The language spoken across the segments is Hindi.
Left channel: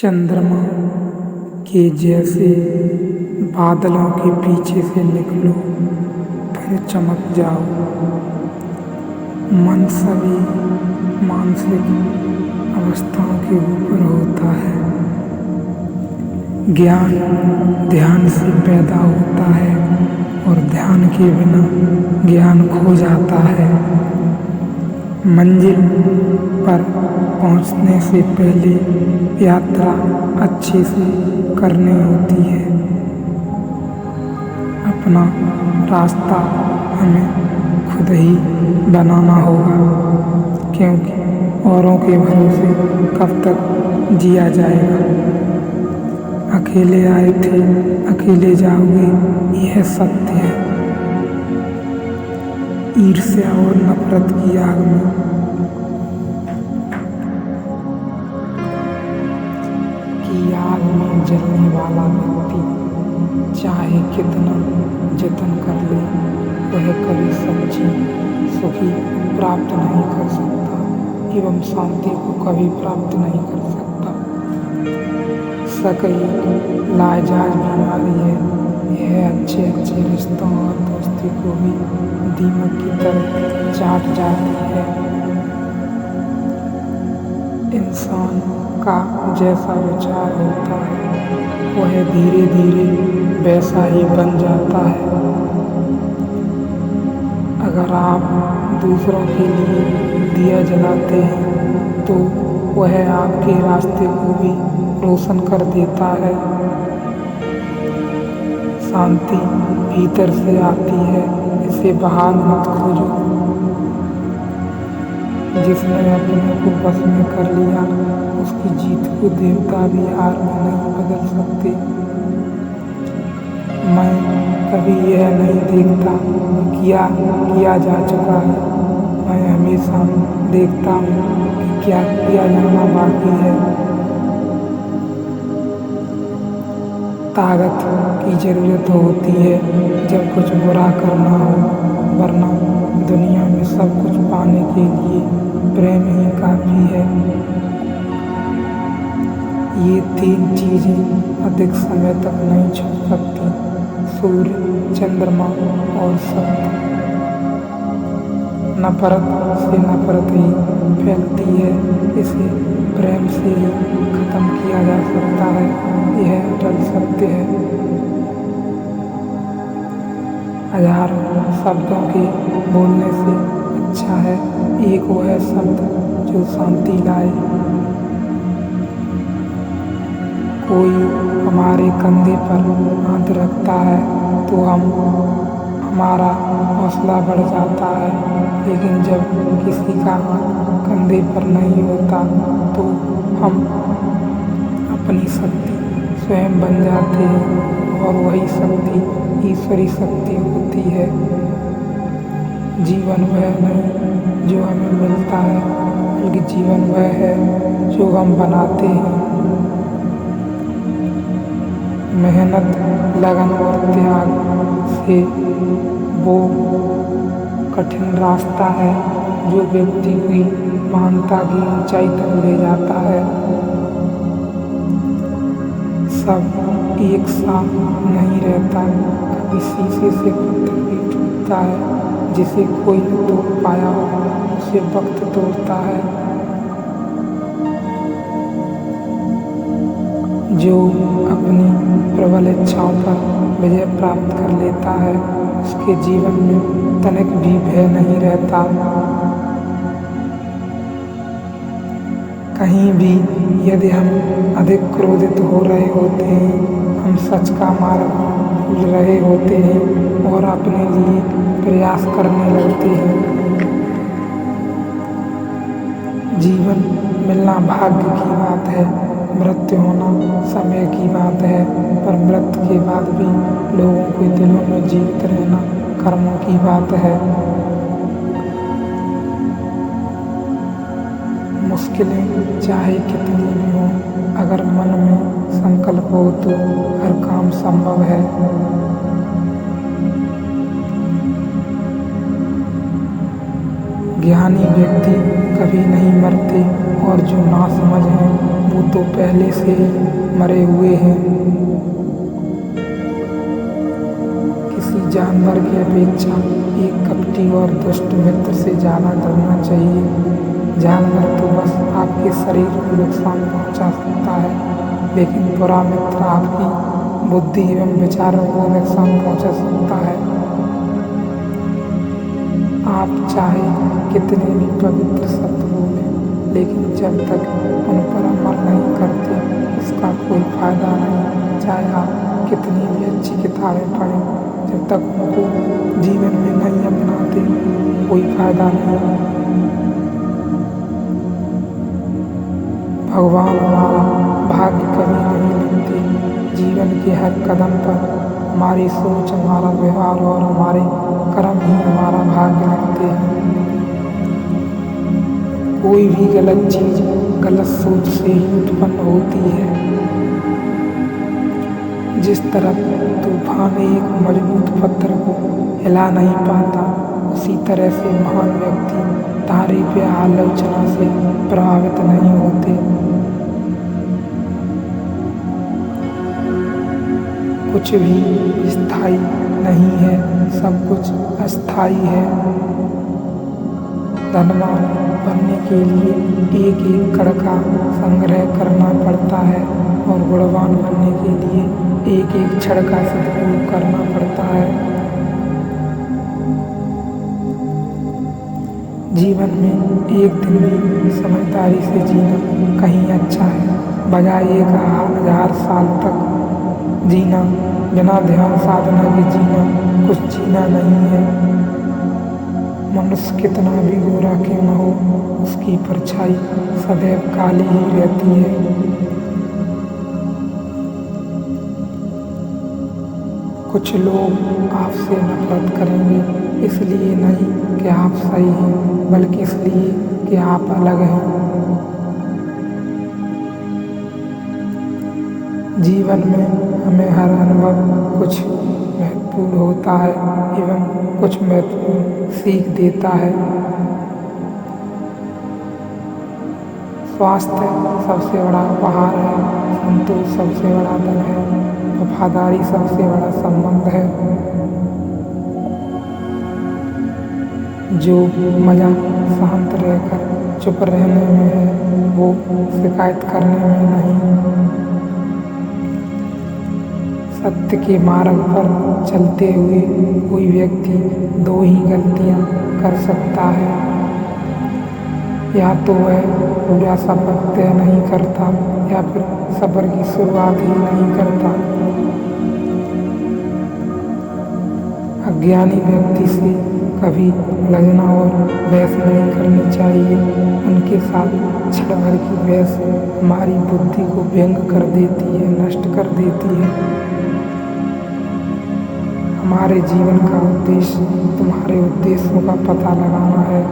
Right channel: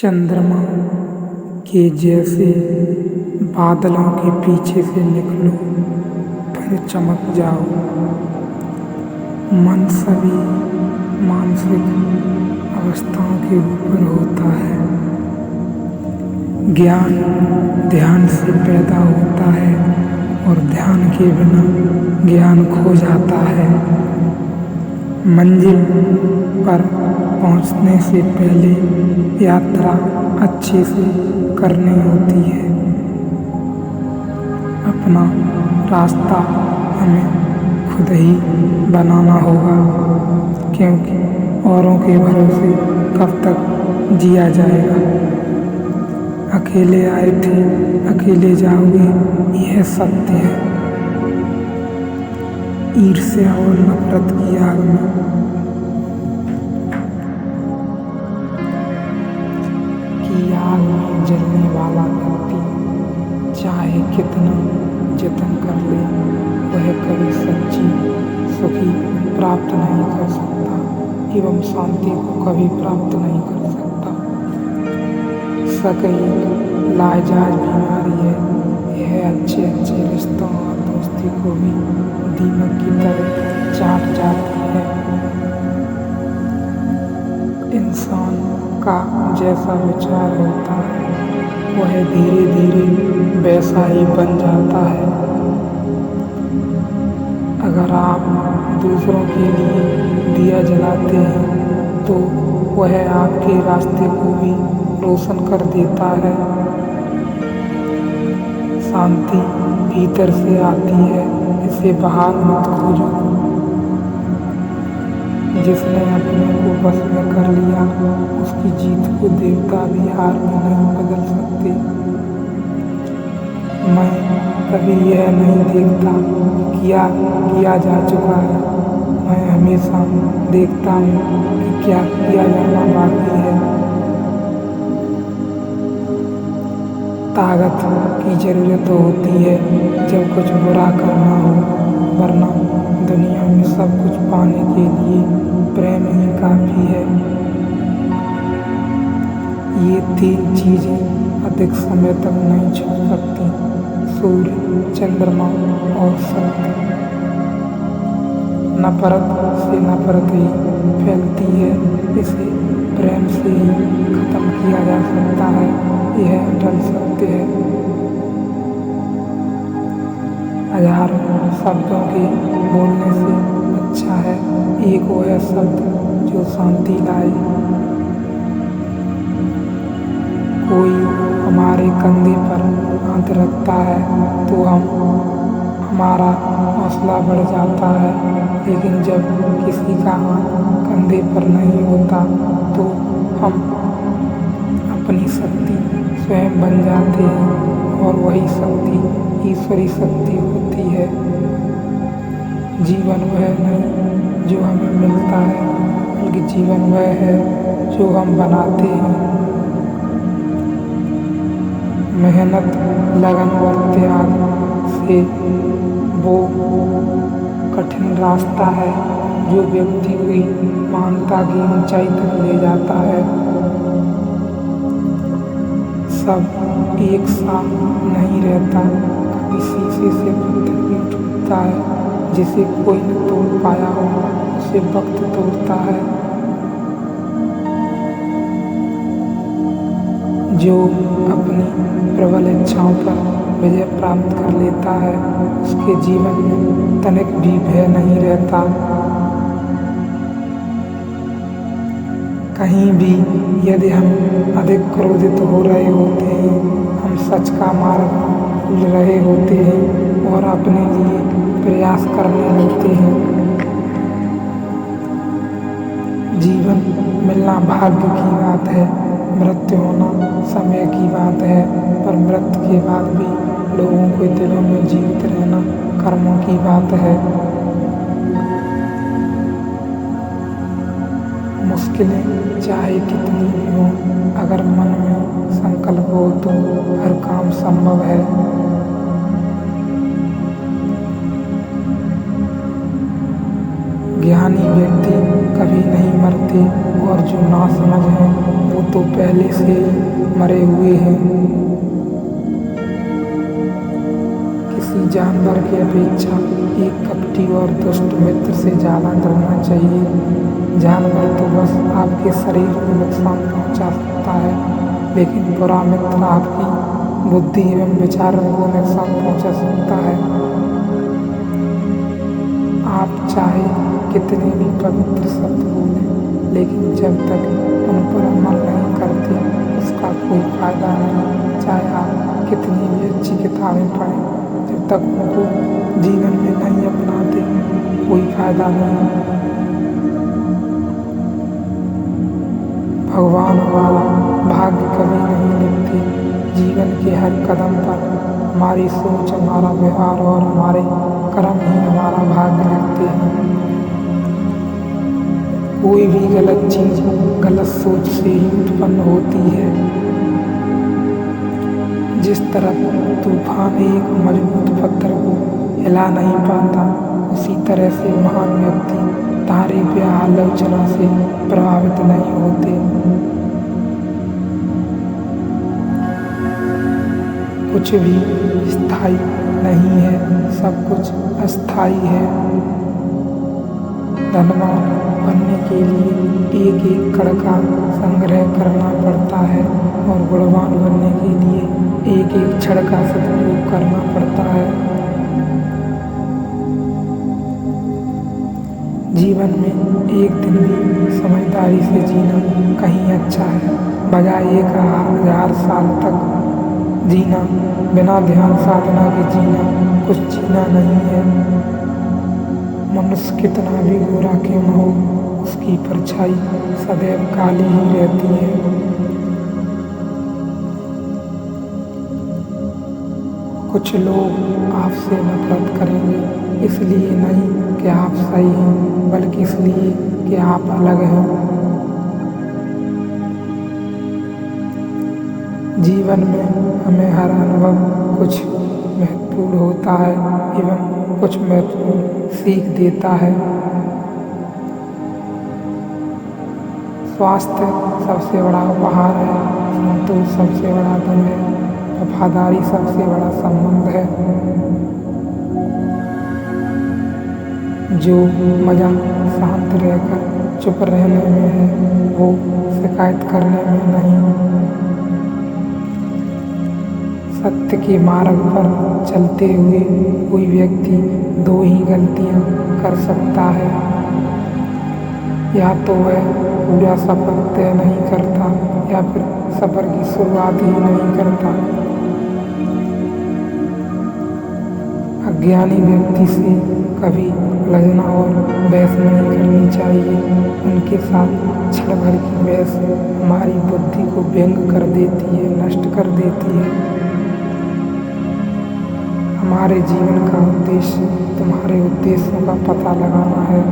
चंद्रमा के जैसे बादलों के पीछे से निकलो, फिर चमक जाओ। मन सभी मानसिक अवस्थाओं के ऊपर होता है। ज्ञान ध्यान से पैदा होता है और ध्यान के बिना ज्ञान खो जाता है। मंजिल पर पहुंचने से पहले यात्रा अच्छे से करनी होती है। अपना रास्ता हमें खुद ही बनाना होगा, क्योंकि औरों के भरोसे कब तक जिया जाएगा। अकेले आए थे अकेले जाओगे, यह सत्य है। ईर्ष्या और नफरत की आग में जलने वाला व्यक्ति चाहे कितना जतन कर ले, वह कभी सच्ची सुखी प्राप्त नहीं कर सकता एवं शांति को कभी प्राप्त नहीं कर सकता। शक एक लाइलाज बीमारी है। यह अच्छे रिश्तों और दोस्ती को भी दीमक की तरह चाट जाती है। इंसान का जैसा विचार होता है, वह धीरे धीरे वैसा ही बन जाता है। अगर आप दूसरों के लिए दिया जलाते हैं, तो वह आपके रास्ते को भी रोशन कर देता है। शांति भीतर से आती है, इसे बाहर मत खोजो। जिसने अपने को बस में कर लिया, उसकी जीत को देवता भी हार में नहीं बदल सकते। मैं कभी यह नहीं देखता कि क्या किया जा चुका है, मैं हमेशा देखता हूँ कि क्या किया जाना बाकी है। ताकत की जरूरत होती है जब कुछ बुरा करना हो, वरना दुनिया में सब कुछ पाने के लिए प्रेम ही काफी है। ये तीन चीजें अधिक समय तक नहीं छुप सकती: सूर्य, चंद्रमा और सत्य। नफरत से नफरत ही फैलती है, इसे प्रेम से ही खत्म किया जा सकता है। यह अटल सत्य है। हजारों शब्दों के बोलने से अच्छा है एक वह शब्द जो शांति लाए। कोई हमारे कंधे पर हाथ रखता है तो हमारा हौसला बढ़ जाता है, लेकिन जब किसी का हाथ कंधे पर नहीं होता तो हम अपनी शक्ति स्वयं बन जाते हैं, और वही शक्ति ईश्वरी शक्ति होती है। जीवन वह नहीं जो हमें मिलता है, बल्कि जीवन वह है जो हम बनाते हैं। मेहनत, लगन और त्याग से वो कठिन रास्ता है जो व्यक्ति की महानता की ऊंचाई तक ले जाता है। सब एक सा नहीं रहता, कभी शीशे से पत्थर भी टूटता है। जिसे कोई न तोड़ पाया हो, उसे वक्त तोड़ता है। जो अपनी प्रबल इच्छाओं पर विजय प्राप्त कर लेता है, उसके जीवन में तनिक भी भय नहीं रहता। कहीं भी यदि हम अधिक क्रोधित हो रहे होते हैं, हम सच का मार्ग भूल रहे होते हैं और अपने लिए प्रयास करने लगते हैं। जीवन मिलना भाग्य की बात है, मृत्यु होना समय की बात है, पर मृत्यु के बाद भी लोगों के दिलों में जीवित रहना कर्मों की बात है। मुश्किलें चाहे कितनी भी हों, अगर मन में संकल्प हो तो हर काम संभव है। ज्ञानी व्यक्ति कभी नहीं मरते, और जो नासमझ हैं वो तो पहले से ही मरे हुए हैं। किसी जानवर की अपेक्षा एक कपटी और दुष्ट मित्र से ज़्यादा डरना चाहिए। जानवर तो बस आपके शरीर को नुकसान पहुंचा सकता है, लेकिन बुरा मित्र आपकी बुद्धि एवं विचारों को नुकसान पहुंचा सकता है। आप चाहे कितने भी पवित्र शब्द बोलें, लेकिन जब तक उन पर अमल नहीं करते उसका कोई फायदा नहीं। चाहे आप कितनी भी अच्छी किताबें पढ़ें, जब तक उनको जीवन में नहीं अपनाते कोई फायदा नहीं। भगवान हमारा भाग्य कभी नहीं लिखते। जीवन के हर कदम पर हमारी सोच, हमारा व्यवहार और हमारे कर्म ही हमारा भाग्य लिखते हैं। कोई भी गलत चीज गलत सोच से ही उत्पन्न होती है। जिस तरह तूफान एक मजबूत पत्थर को हिला नहीं पाता, उसी तरह से महान व्यक्ति तारीफ या आलोचना से प्रभावित नहीं होते। कुछ भी स्थायी नहीं है, सब कुछ अस्थायी है। धनवान बनने के लिए एक एक कण का संग्रह करना पड़ता है और गुणवान बनने के लिए एक एक क्षण का सदुपयोग करना पड़ता है। जीवन में एक दिन भी समझदारी से जीना कहीं अच्छा है, बजाय 1000 साल तक जीना। बिना ध्यान साधना के जीना कुछ जीना नहीं है। मनुष्य कितना भी गोरा क्यों न हो, उसकी परछाई सदैव काली ही रहती है। कुछ लोग आपसे नफरत करेंगे, इसलिए नहीं कि आप सही हैं, बल्कि इसलिए कि आप अलग हैं। जीवन में हमें हर अनुभव कुछ महत्वपूर्ण होता है एवं कुछ महत्वपूर्ण सीख देता है। स्वास्थ्य सबसे बड़ा उपहार है, संतोष सबसे बड़ा धन है, वफादारी सबसे बड़ा संबंध है। जो मजा शांत रहकर चुप रहने में है, वो शिकायत करने में नहीं। सत्य के मार्ग पर चलते हुए कोई व्यक्ति 2 ही गलतियां कर सकता है। या तो वह पूरा सफर तय नहीं करता या फिर सफर की शुरुआत ही नहीं करता। अज्ञानी व्यक्ति से कभी उलझना और बहस नहीं करनी चाहिए। उनके साथ क्षण भर की बहस हमारी बुद्धि को व्यंग कर देती है, नष्ट कर देती है। हमारे जीवन का उद्देश्य तुम्हारे उद्देश्यों का पता लगाना है।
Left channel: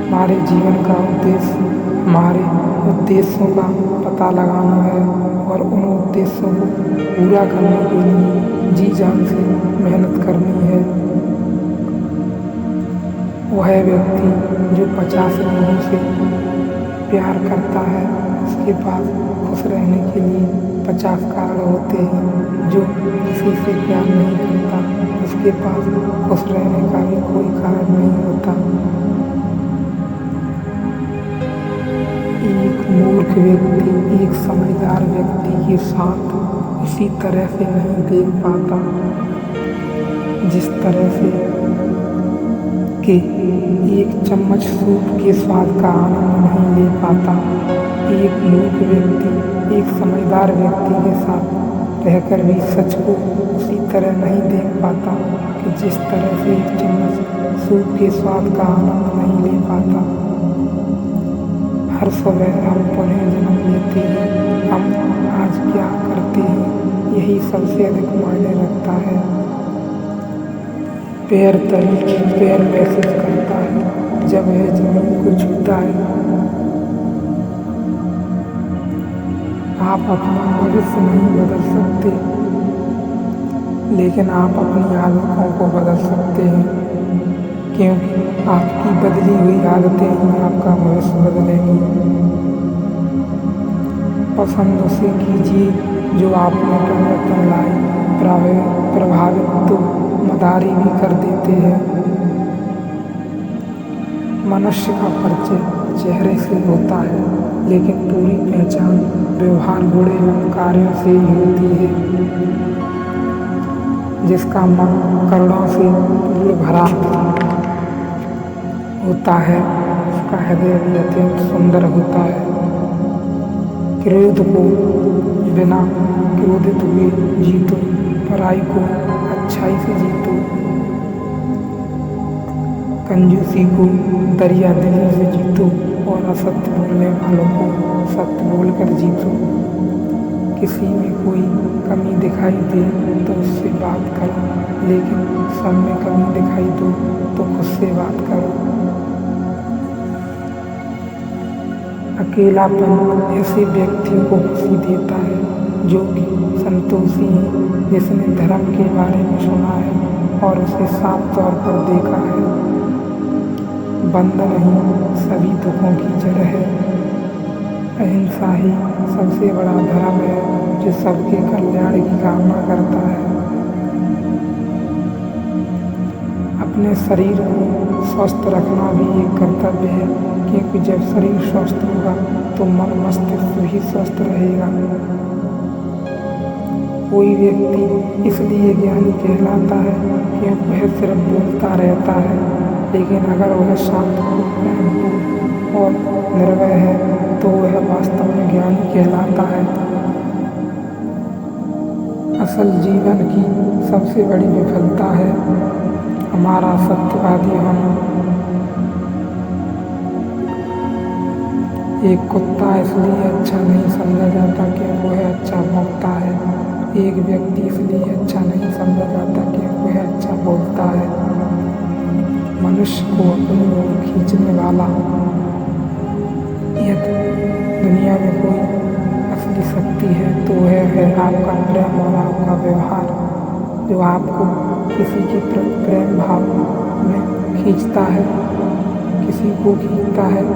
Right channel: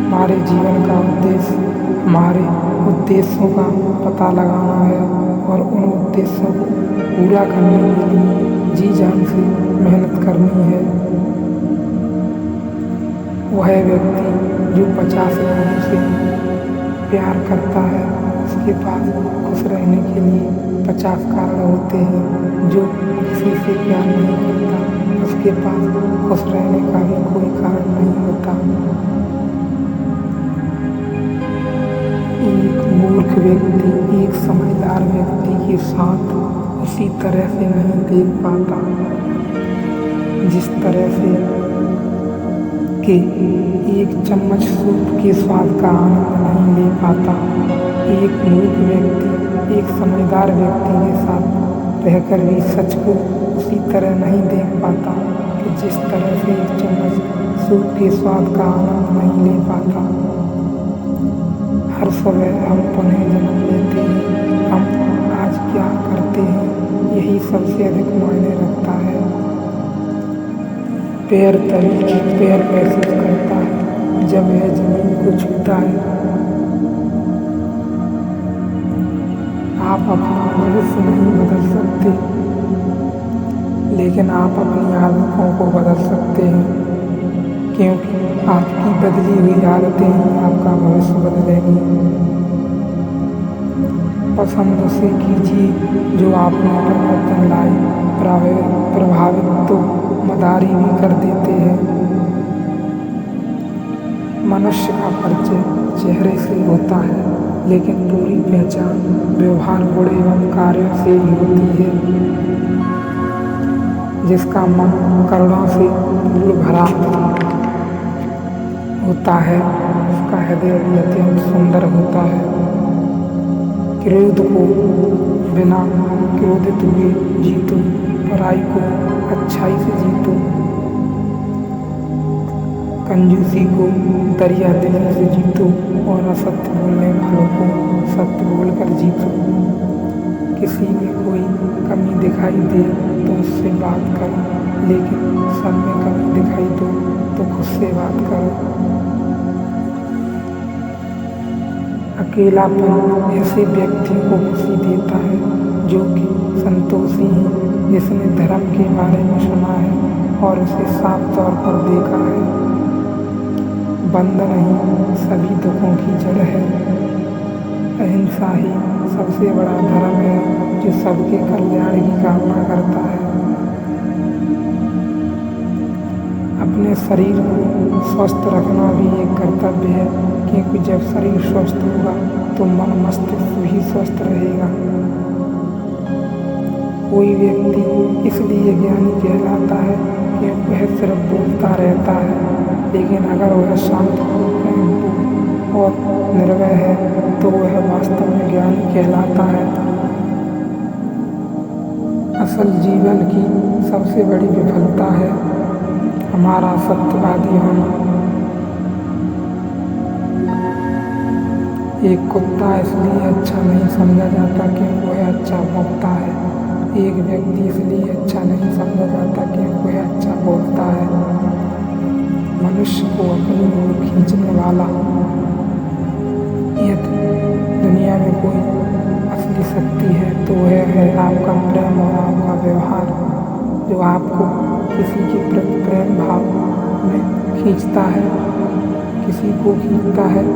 हमारे जीवन का उद्देश्य हमारे उद्देश्यों का पता लगाना है और उन उद्देश्यों को पूरा करने के लिए जी जान से मेहनत करनी है। वह व्यक्ति जो 50 लोगों से प्यार करता है, उसके पास खुश रहने के लिए 50 कारण होते हैं। जो किसी से प्यार नहीं करता, उसके पास खुश रहने का भी कोई कारण नहीं होता। एक मूर्ख व्यक्ति एक समझदार व्यक्ति के साथ उसी तरह से नहीं देख पाता जिस तरह से कि एक चम्मच सूप के स्वाद का आनंद नहीं ले पाता। एक मूर्ख व्यक्ति एक समझदार व्यक्ति के साथ रहकर भी सच को उसी तरह नहीं देख पाता कि जिस तरह से एक चम्मच सूप के स्वाद का आनंद नहीं ले पाता। हर सुबह हम पुनः जन्म लेते हैं। हम आज क्या करते हैं, यही सबसे अधिक मायने रखता है। पैर तभी पैर महसूस करता है जब यह जमीन को छूता है। आप अपना भविष्य नहीं बदल सकते, लेकिन आप अपनी आदतों को बदल सकते हैं, क्योंकि आपकी बदली हुई आदतें ही आपका भविष्य बदलेंगी। पसंद उसे कीजिए जो आप में परिवर्तन लाए। प्रभावित तो मदारी भी कर देते हैं। मनुष्य का परिचय चेहरे से होता है, लेकिन पूरी पहचान व्यवहार, गुण एवं कार्यों से ही होती है। जिसका मन करुणा से पूर्ण भरा होता है, उसका हृदय भी अत्यंत सुंदर होता है। क्रोध को बिना क्रोधित हुए जीतो, पराई को अच्छाई से जीतो, कंजूसी को दरिया दिली से जीतो और असत्य बोलने वालों को सत्य बोलकर जीतो। किसी में कोई कमी दिखाई दे तो उससे बात करो, लेकिन सब में कमी दिखाई दो तो खुद से बात करो। अकेलापन ऐसे व्यक्तियों को खुशी देता है जो कि संतोषी हैं, जिसने धर्म के बारे में सुना है और उसे साफ तौर पर देखा है। बंधन ही सभी दुखों की जड़ है। अहिंसा ही सबसे बड़ा धर्म है जो सबके कल्याण की कामना करता है। अपने शरीर को स्वस्थ रखना भी एक कर्तव्य है, क्योंकि जब शरीर स्वस्थ होगा तो मन मस्तिष्क भी स्वस्थ रहेगा। कोई व्यक्ति इसलिए ज्ञानी कहलाता है क्योंकि वह सिर्फ बोलता रहता है, लेकिन अगर वह शांत, प्रेमपूर्ण और निर्भय है तो वह वास्तव में ज्ञानी कहलाता है। असल जीवन की सबसे बड़ी विफलता है हमारा सत्यवादी होना। एक कुत्ता इसलिए अच्छा नहीं समझा जाता क्योंकि वह अच्छा भौंकता है। एक व्यक्ति इसलिए अच्छा नहीं समझा जाता क्योंकि वह अच्छा बोलता है। मनुष्य को अपनी ओर खींचने वाला यदि दुनिया में कोई असली शक्ति है तो वह है आपका प्रेम और आपका व्यवहार, जो आपको किसी के प्रति प्रेम भाव में खींचता है, किसी को खींचता है।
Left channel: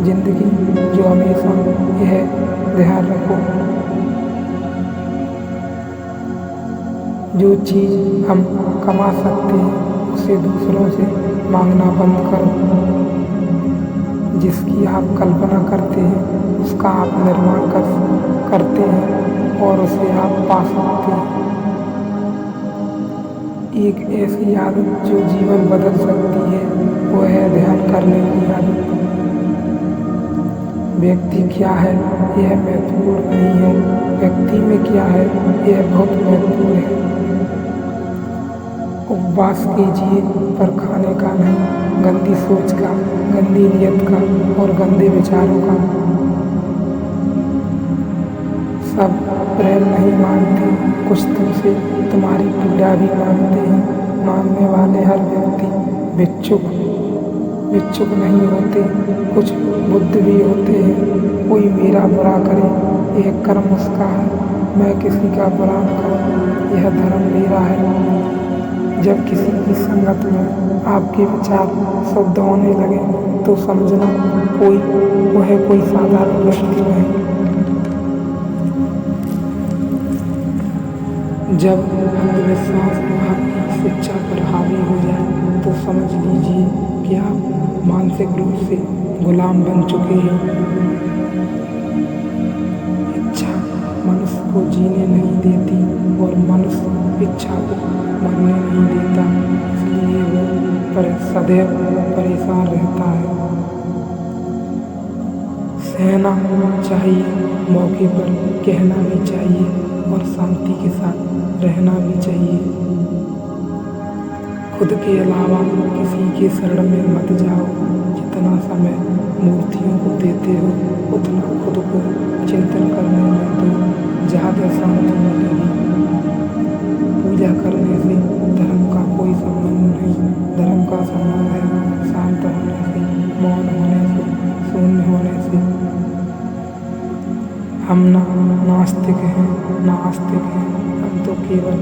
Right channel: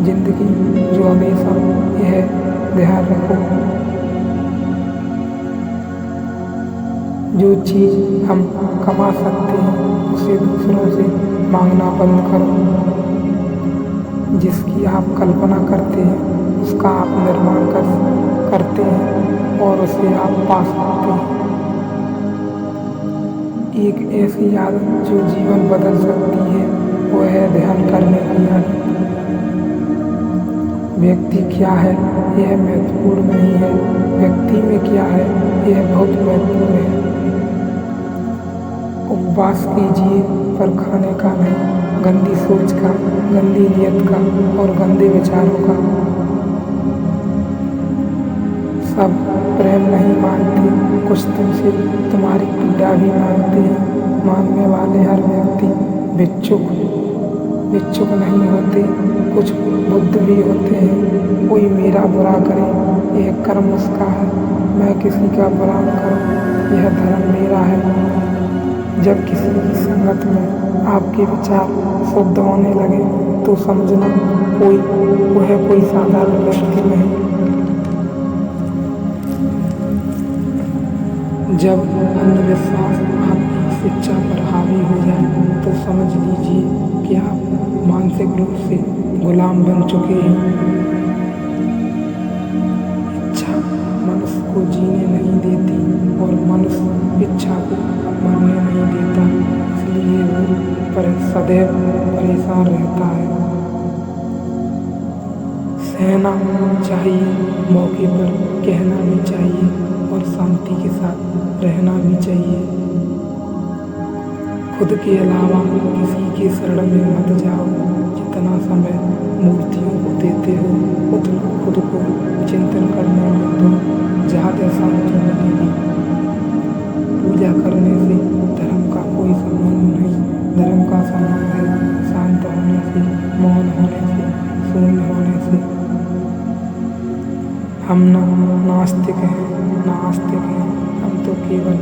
जिंदगी जो हमेशा यह ध्यान रखो, जो चीज़ हम कमा सकते हैं उसे दूसरों से मांगना बंद करो। जिसकी आप कल्पना करते हैं उसका आप निर्माण करते हैं और उसे आप पा सकते हैं। एक ऐसी आदत जो जीवन बदल सकती है वह है ध्यान करने की आदत। व्यक्ति क्या है यह महत्वपूर्ण नहीं है, व्यक्ति में क्या है यह बहुत महत्वपूर्ण है। उपवास कीजिए पर खाने का नहीं, गंदी सोच का, गंदी नियत का और गंदे विचारों का। सब प्रेम नहीं मांगते, कुछ तुमसे तुम्हारी पीड़ा भी मांगते हैं। मांगने वाले हर व्यक्ति भिक्षुक नहीं होते, कुछ बुद्ध भी होते हैं। कोई मेरा बुरा करे यह कर्म उसका है, मैं किसी का बुरा न करूं यह धर्म मेरा है। जब किसी की संगत में आपके विचार शुद्ध होने लगे तो समझना वह कोई साधारण व्यक्ति नहीं। जब अंधविश्वास आपकी शिक्षा पर हावी हो जाए तो समझ लीजिए कि आप मानसिक रूप से गुलाम बन चुके हैं। इच्छा मनुष्य को जीने नहीं देती और मनुष्य इच्छा को मरने नहीं देता, इसलिए वो सदैव परेशान रहता है। सहना चाहिए, मौके पर कहना भी चाहिए और शांति के साथ रहना भी चाहिए। खुद के अलावा किसी के शरण में मत जाओ। जितना समय मूर्तियों को देते हो उतना खुद को चिंतन करने में दो, ज़्यादा शांति मिलेगी। पूजा करने से धर्म का कोई संबंध नहीं। धर्म का संबंध है शांत होने से, मौन होने से, शून्य होने से। हम ना नास्तिक हैं ना आस्तिक हैं, हम तो केवल